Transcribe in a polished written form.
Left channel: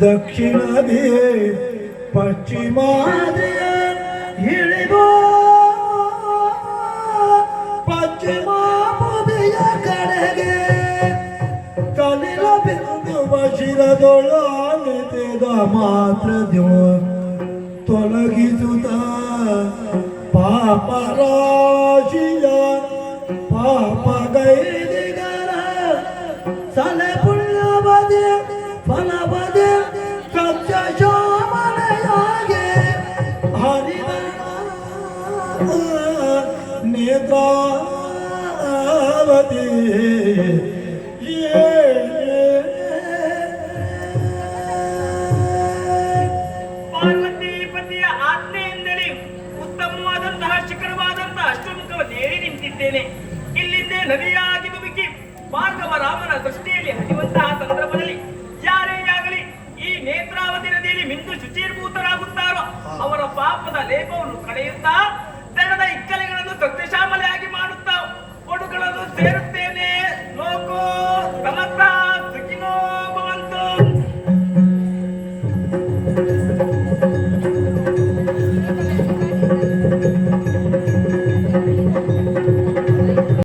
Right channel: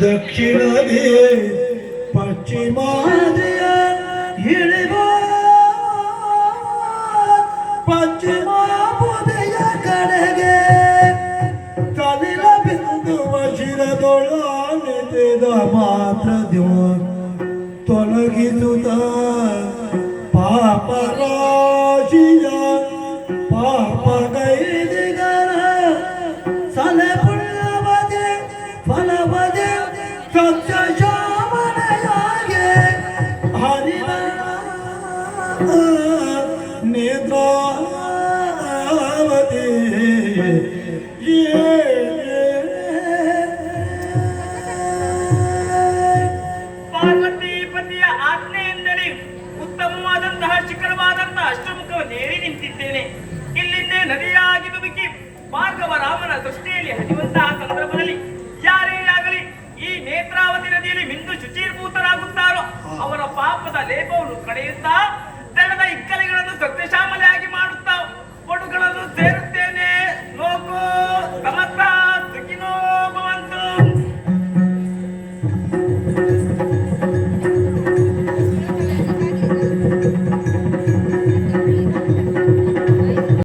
ದಕ್ಷಿಣದೇ ಪಶ್ಚಿಮಾದಿಯ ಇಳಿದು ಪಶ್ಚಿಮ ಬದಿಯ ಕಡೆಗೆ ಕಲಿಲ ಬಿಂದುವ ಶಿರದೊಳಾನೆತೆದ ಮಾತ್ರ ತೊಲಗಿಸುತ್ತ ಪಾಪ ರಾಶಿಯ ಪಾಪ ಗೈದಿಗರ ಸಲೆ ಪುಣ್ಯ ಬದಿ ಫಲ ಬದಿ ಕಚ್ಚ ಶೋಭನೆಯಾಗೆ ಹರಿದ ನೇತ್ರಾವತಿ ಪಾರ್ವತಿ ಪತಿಯ ಆಜ್ಞೆಯಿಂದಲೇ ಉತ್ತಮವಾದಂತಹ ಶಿಖರವಾದಂತಹ ಅಷ್ಟಮುಖವನ್ನು ಏರಿ ನಿಂತಿದ್ದೇನೆ. ಇಲ್ಲಿಂದೇ ನದಿಯಾಗಿ ಧುಮುಕಿ ಭಾರ್ಗವ ರಾಮನ ದೃಷ್ಟಿಯಲ್ಲಿ ಹರಿಯುವಂತಹ ಸಂದರ್ಭದಲ್ಲಿ ಯಾರೇ ಆಗಲಿ ಈ ನೇತ್ರಾವತಿ ನದಿಯಲ್ಲಿ ಮಿಂದು ಶುಚೀರ್ಭೂತರಾಗುತ್ತಾರೋ ಅವರ ಪಾಪದ ಲೇಪವನ್ನು ಕಳೆಯುತ್ತಾ ದಡದ ಇಕ್ಕಲಿಗಳನ್ನು ಸತ್ಯಶಾಮಲೆಯಾಗಿ ಮಾಡುತ್ತಾ ಒಡುಗಳನ್ನು ಸೇರುತ್ತಾ